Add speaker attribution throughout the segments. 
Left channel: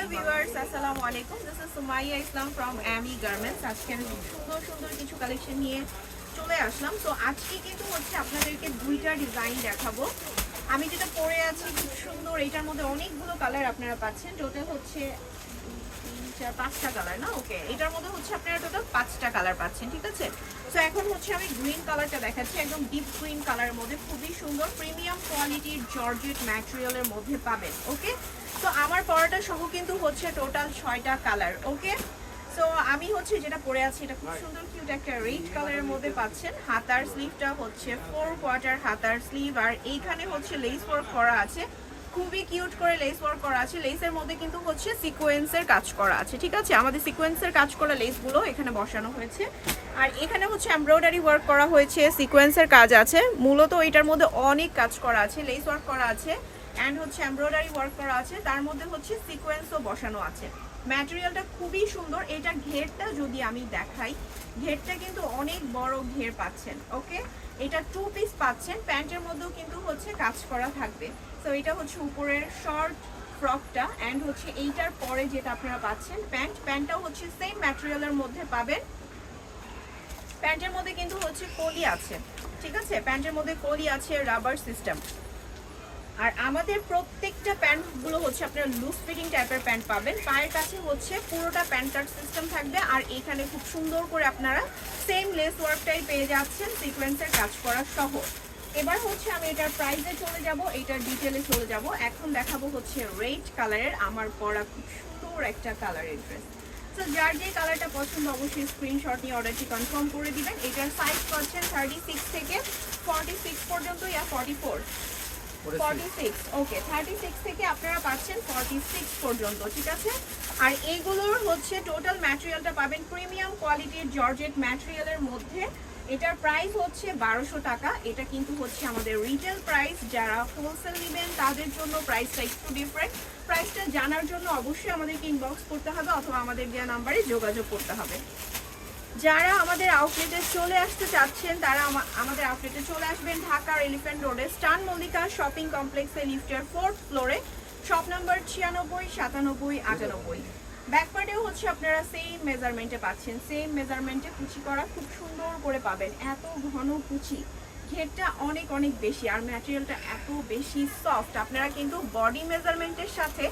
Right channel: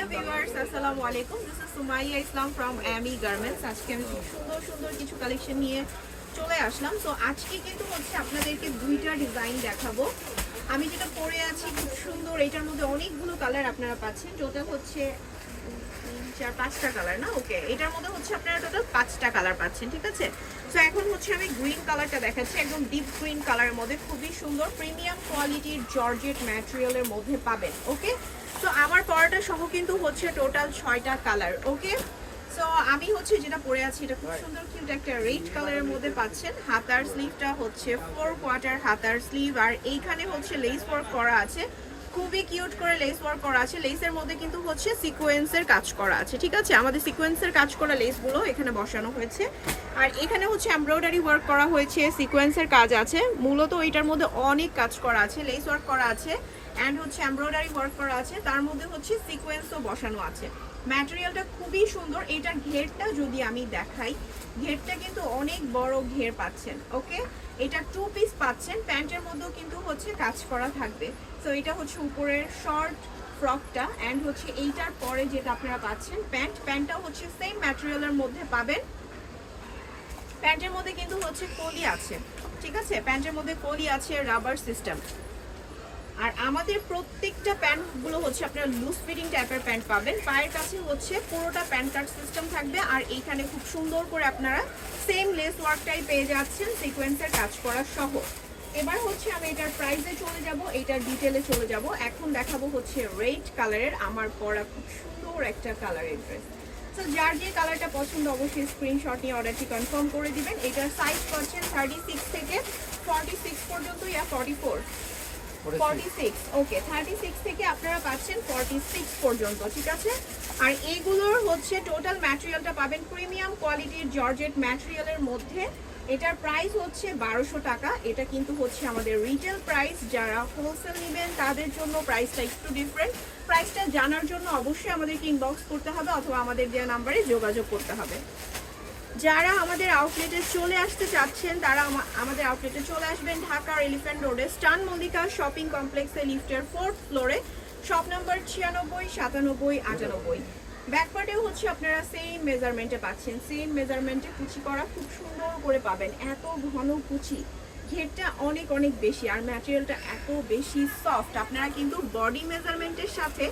Speaker 1: Hello viewers আসসালামু আলাইকুম this is Sumaiya Islam from Amy garments আজকে আমি সুন্দর সুন্দর কিছু কালেকশন নিয়ে চলে আসলাম। তো আজকে কিন্তু হচ্ছে আপনাদেরকে দুইটা ডিজাইন দেখাবো। আমি যেটা পরে আছি খুব সুন্দর। এটার মধ্যে অনেকগুলো কালার আপনারা পাচ্ছেন। টোটাল হচ্ছে চার, পাঁচটা কালার না? ওকে এটার মধ্যে হচ্ছে আপনারা টোটাল পাঁচটা কালার পাচ্ছেন, ঠিক আছে? তো এখন হচ্ছে আমি গ্রিন কালারটা দেখাচ্ছি। একদম ডিপ গ্রিন কালারের মধ্যে। খুবই সুন্দর। প্রিমিয়াম কোয়ালিটির জর্জেট ম্যাটেরিয়ালের মধ্যে পাবেন। ওকে তো আমার পরাটা সহ কিন্তু হচ্ছে টোটাল ছয়টা কালার ওকে সো আমি হচ্ছে যেটা পরে আছি এটা খুব সুন্দর কিন্তু একটা রেড কালারের মধ্যে পাচ্ছেন। হাতার স্লিভটা হচ্ছে ফোর কোয়ার্টার হাতার স্লিভ আর এইখানে হচ্ছে লেস ওয়ার্ক করা আছে। খুবই কিউট করে লেস ওয়ার্ক করা আছে। লেসের মধ্যে কিন্তু হচ্ছে সিকোয়েন্সের কাজ করা আছে ঠিক আছে? আমাদের সিকোয়েন্সের কাজ করা লেসগুলো এখানে বসানো হয়েছে। আর এখানে হচ্ছে এমব্রয়ডারি ওয়ার্ক করা হয়েছে সিকোয়েন্সের কাজ আছে। মূলত এটার মধ্যে অনেক কাজ করা আছে লেস ওয়ার্ক করা আছে। অ্যান্ড হচ্ছে এমব্রয়ডারি ওয়ার্ক করা আছে, তার মধ্যে হচ্ছে সিকোয়েন্সও বসানো আছে। ম্যাটেরিয়ালটা খুবই সুন্দর, এটার ঘেরটা যদি আমি দেখাই, ঘেরটা কিন্তু অনেক বড় ঘের পাচ্ছেন, ওকে? এটা টু পিস পাচ্ছেন, প্যান্টের মধ্যেও কিন্তু হচ্ছে কাজ করা থাকবে। তো এটা হচ্ছে উপরের শর্ট ফ্রকটা অ্যান্ড হচ্ছে এইটার পরে যেটা আপনারা পাচ্ছেন প্যান্ট। প্যান্টটা হচ্ছে সেম ম্যাটেরিয়ালের মধ্যে পাবেন। প্যান্টের মধ্যে কিন্তু হচ্ছে কলি আছে, ঠিক আছে? প্যান্টের মধ্যে কলি আছে রাবার সিস্টেম আর আমাদের প্রত্যেকটা প্যান্টগুলো হচ্ছে আপনারা লুজ ফিটিং টাইপের প্যান্ট পাবেন। পায়ের কাছে হচ্ছে পুরোটা প্যান্ট কাট সিস্টেম থাকবে আর এইখানে খুব সুন্দর করে আপনারা সেম লেস ওয়ার্কটাই পেয়ে যাচ্ছেন সিকোয়েন্সের কাজ করা সহ। এবার হচ্ছে আমি এটার প্রাইসে চলে যাব, এটার ডিটেলে চলে যাব। এখন দেখাবো হচ্ছে রেড কালারের আমার পরা খুব সুন্দর একটা কালারের ড্রেস তো যার যে কালারটা পছন্দ অবশ্যই স্ক্রিনশট নিয়ে অর্ডারটি কনফার্ম করে দিবেন। এটার সাইজ পাচ্ছেন থার্টি সিক্স থেকে ফর্টি সিক্স পর্যন্ত yeah forty four forty six okay thirty six থেকে আপনারা পাচ্ছেন ফর্টি সিক্স পর্যন্ত, ঠিক আছে? আর এগুলোর হচ্ছে টোটাল ম্যাটেরিয়ালটা পাবেন প্রিমিয়াম কোয়ালিটির জর্জেট ম্যাটেরিয়ালের মধ্যে। এটার প্রাইস হচ্ছে বারোশো টাকা। এটা কিন্তু হচ্ছে আমাদের রিটেল প্রাইস যারা হোলসেল নেবেন, তাদের জন্য প্রাইসটা একটু ডিফারেন্ট প্রাইসটা জানার জন্য অবশ্যই আমাদেরকে ইনবক্স করতে হবে অথবা আমাদের দেওয়া নাম্বারে যোগাযোগ করতে হবে। যারা আমাদের আউটলেটে চলে আসতে চাচ্ছেন, তারা আমাদের আউটলেটে চলে আসবেন ঢাকার এলিফ্যান্ট রোডে স্টান মল্লিকা শপিং কমপ্লেক্সে লিফটের ফোর্থ ফ্লোরে শপ নাম্বার ছিয়ানব্বই, সাতানব্বই, আটানব্বই। ব্যাকপার্টেও হচ্ছে আপনারা সেম মেজারমেন্টে পাচ্ছেন সেম মেজারমেন্টে কুচি করা খুব সুন্দর করে পাবেন, এত ঘন কুচি। ঘেরটা অনেক অনেক বেশি, আর ম্যাটেরিয়ালটা এত বেশি সফট আপনারা কিন্তু বডি মেজারমেন্টের সাথে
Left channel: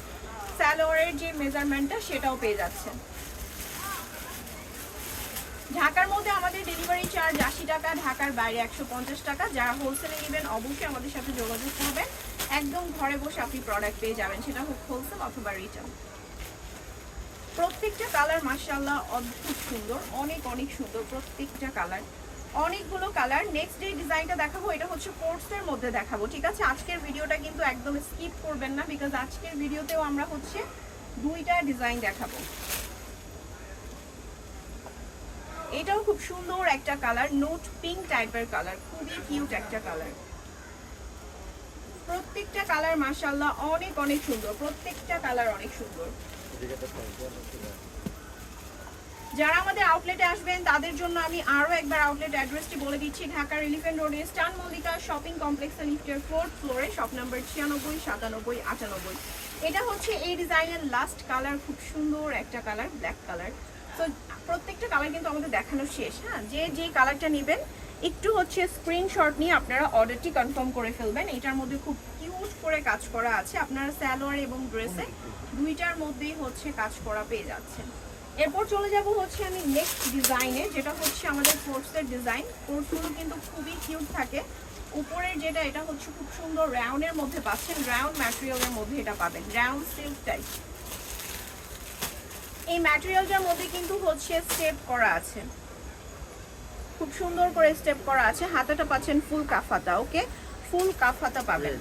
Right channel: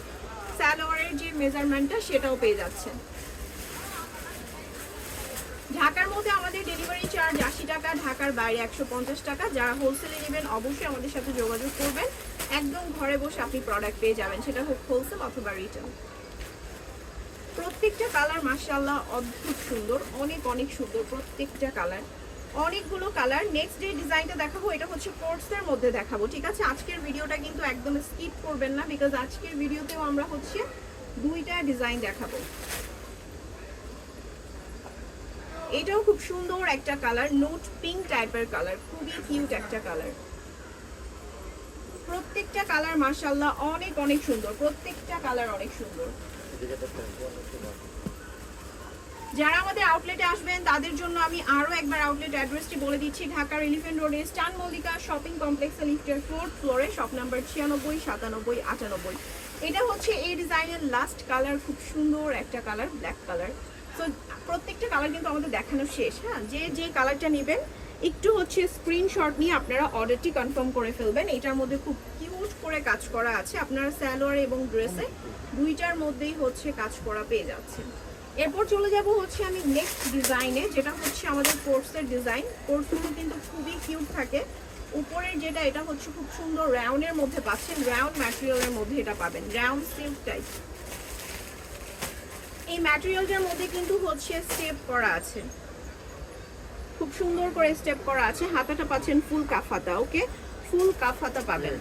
Speaker 1: স্যালোয়ারের যে মেজারমেন্টটা সেটাও পেয়ে যাচ্ছেন। ঢাকার মধ্যে আমাদের ডেলিভারি চার্জ আশি টাকা, ঢাকার বাইরে একশো পঞ্চাশ টাকা। যারা হোলসেলে নেবেন, অবশ্যই আমাদের সাথে যোগাযোগ করবেন। একদম ঘরে বসে আপনি প্রোডাক্ট পেয়ে যাবেন। সেটা হোক হোলসেল অথবা রিটেল প্রত্যেকটা কালার মার্শাল্লাহ অদ্ভুত সুন্দর, অনেক অনেক সুন্দর প্রত্যেকটা কালার অনেকগুলো কালার নেক্সট যে ডিজাইনটা দেখাবো, এটা হচ্ছে কোর্সের মধ্যে দেখাবো, ঠিক আছে? আজকের ভিডিওটা কিন্তু একদম স্কিপ করবেন না বিকজ আজকের ভিডিওতেও আমরা হচ্ছে দুইটা ডিজাইন দেখাবো। এটাও খুব সুন্দর একটা কালার নোট পিঙ্ক টাইপের কালার খুবই কিউট একটা কালার প্রত্যেকটা কালার মার্শাল্লাহ অনেক অনেক সুন্দর, প্রত্যেকটা কালার অনেক সুন্দর। যারা আমাদের আউটলেটে আসবেন, তাদের জন্য আমি আরও একবার আউটলেট অ্যাড্রেসটি বলে দিচ্ছি ঢাকার এলিফেন্ট রোডে স্টান মল্লিকা শপিং কমপ্লেক্সের লিফটের ফোর্থ ফ্লোরে শপ নাম্বার ছিয়ানব্বই, সাতানব্বই, আটানব্বই। এটা হচ্ছে এই ডিজাইনের লাস্ট কালার খুব সুন্দর একটা কালার ব্ল্যাক কালার তো প্রত্যেকটা কালার কিন্তু আমাদের দেখানো শেষ হ্যাঁ? যে যে কালারটা নেবেন, একটু হচ্ছে স্ক্রিনশট নিয়ে আপনারা অর্ডারটি কনফার্ম করে ফেলবেন। এটার মধ্যে খুব কিউট করে কাজ করা আছে। আপনারা স্যালোয়ার এবং ড্রেসে দুইটার মধ্যেই হচ্ছে কাজ করা পেয়ে যাচ্ছেন। এরপর চলে যাব হচ্ছে আমি নেক্সট ডিজাইনে যেটা হচ্ছে আমাদের কোর্সের ডিজাইন কোর্সগুলো কিন্তু খুবই কিউট থাকে। উপরে যেটা, এটা হচ্ছে খুব সুন্দর রাউন্ডের মধ্যে পাচ্ছেন। রাউন্ড ম্যাটেরিয়ালের মধ্যে এটা পাবেন। রাউন্ড সিল্ক টাইপ এই ম্যাটেরিয়ালটার মধ্যে কিন্তু হচ্ছে স্টেপ করা আছে। খুব সুন্দর করে স্টেপ করা আছে। হাতাটা পাচ্ছেন ফুল কাফাতা ওকে ফুল কাফাতা পাবেন।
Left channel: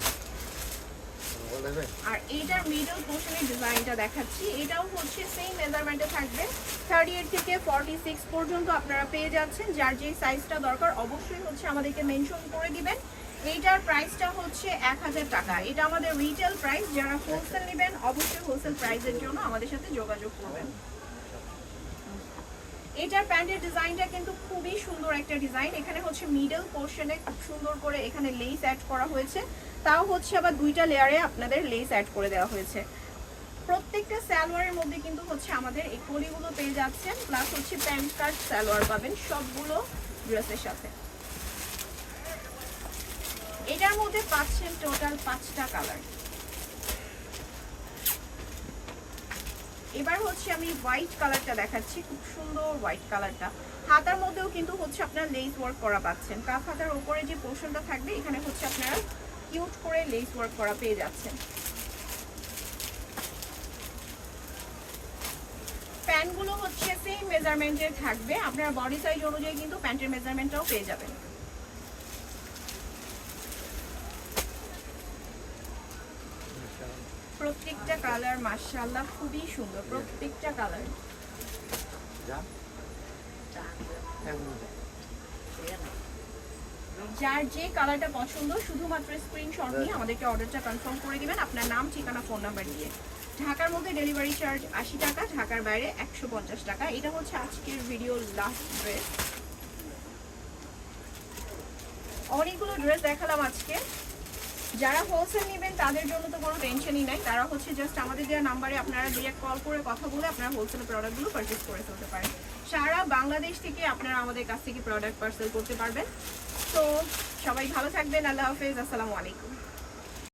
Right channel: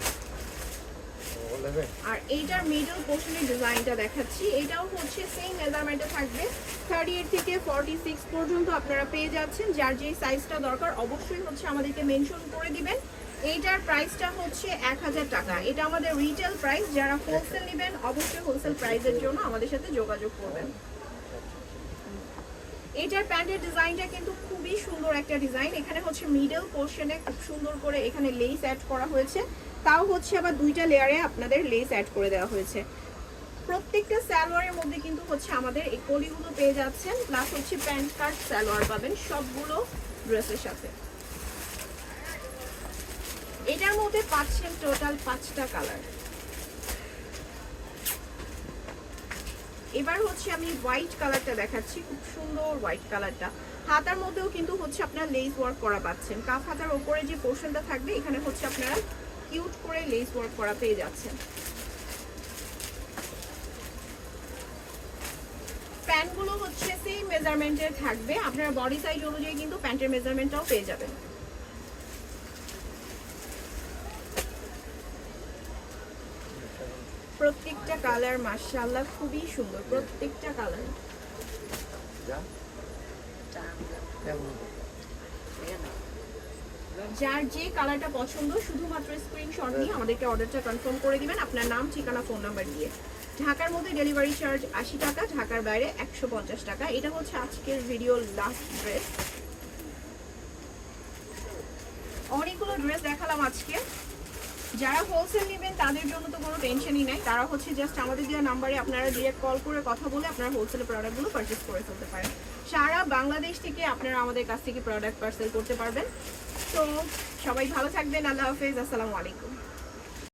Speaker 1: আর এইটার মিডল পোর্শনের ডিজাইনটা দেখাচ্ছি। এটাও হচ্ছে সেম মেজারমেন্টে থাকবে। থার্টি এইট থেকে ফর্টি সিক্স পর্যন্ত আপনারা পেয়ে যাচ্ছেন। যার যেই সাইজটা দরকার অবশ্যই হচ্ছে আমাদেরকে মেনশন করে দিবেন। এইটার প্রাইসটা হচ্ছে এক হাজার টাকা। এটা আমাদের রিটেল প্রাইস যারা হোলসেল নেবেন অবশ্যই হোলসেল প্রাইসের জন্য আমাদের সাথে যোগাযোগ করবেন। এটার প্যান্টের ডিজাইনটা কিন্তু খুবই সুন্দর একটা ডিজাইন এখানে হচ্ছে মিডল পোর্শনে খুব সুন্দর করে এখানে লেস অ্যাড করা হয়েছে। তাও হচ্ছে আবার দুইটা লেয়ারে আপনাদের লেস অ্যাড করে দেওয়া হয়েছে। প্রত্যেকটা সালোয়ারের মধ্যে কিন্তু হচ্ছে আমাদের এই কলিগুলো পেয়ে যাচ্ছেন। প্লাস হচ্ছে প্যান্ট কার্ড সালোয়ার পাবেন সবগুলো ড্রেসের সাথে। এটার মধ্যে পাচ্ছেন টোটাল পাঁচটা কালার এবার হচ্ছে আমি হোয়াইট কালারটা দেখাচ্ছি, খুব সুন্দর হোয়াইট কালারটা হাতার মধ্যেও কিন্তু হচ্ছে আপনারা লেস ওয়ার্ক করা পাচ্ছেন। কাপ হাতার ওপরে যে পোর্শনটা থাকবে, এখানে হচ্ছে আপনারা কিউট করে লেস ওয়ার্ক করা পেয়ে যাচ্ছেন। প্যান্টগুলো হচ্ছে সেম মেজারমেন্টের থাকবে। আপনার বডি সাইজ অনুযায়ী কিন্তু প্যান্টের মেজারমেন্টটাও পেয়ে যাবেন। প্রত্যেকটা কালার মাশাআল্লাহ খুবই সুন্দর প্রত্যেকটা কালার যার যে কালারটা পছন্দ শুধুমাত্র স্ক্রিনশট নিয়ে আমাদেরকে অর্ডারটা কনফার্ম করে দিবেন। আপনার নাম ঠিকানা ফোন নাম্বার দিয়ে। ঢাকার মধ্যে ডেলিভারি চার্জ আশি টাকা ঢাকার বাইরে একশো পঞ্চাশ টাকা। এটা হচ্ছে আজকের ভিডিওর লাস্ট ড্রেস অনেকগুলো ড্রেস দেখালাম আজকে। যারা হোলসেল নেবেন, তাদের জন্য তো কোনো টেনশনই নাই। তারা হচ্ছে জাস্ট আমাদের দেওয়া নাম্বারে আপনারা ডিরেক্ট কল করে কথা বলে আপনারা হোলসেল প্রোডাক্টগুলো পারচেস করে ফেলতে পারেন। সারা বাংলাদেশ থেকে আপনারা আমাদের কাছ থেকে প্রোডাক্ট পার্সেল করতে পারবেন। তো সবাই ভালো থাকবেন। আল্লাহ হাফেজ। আসসালামু আলাইকুম।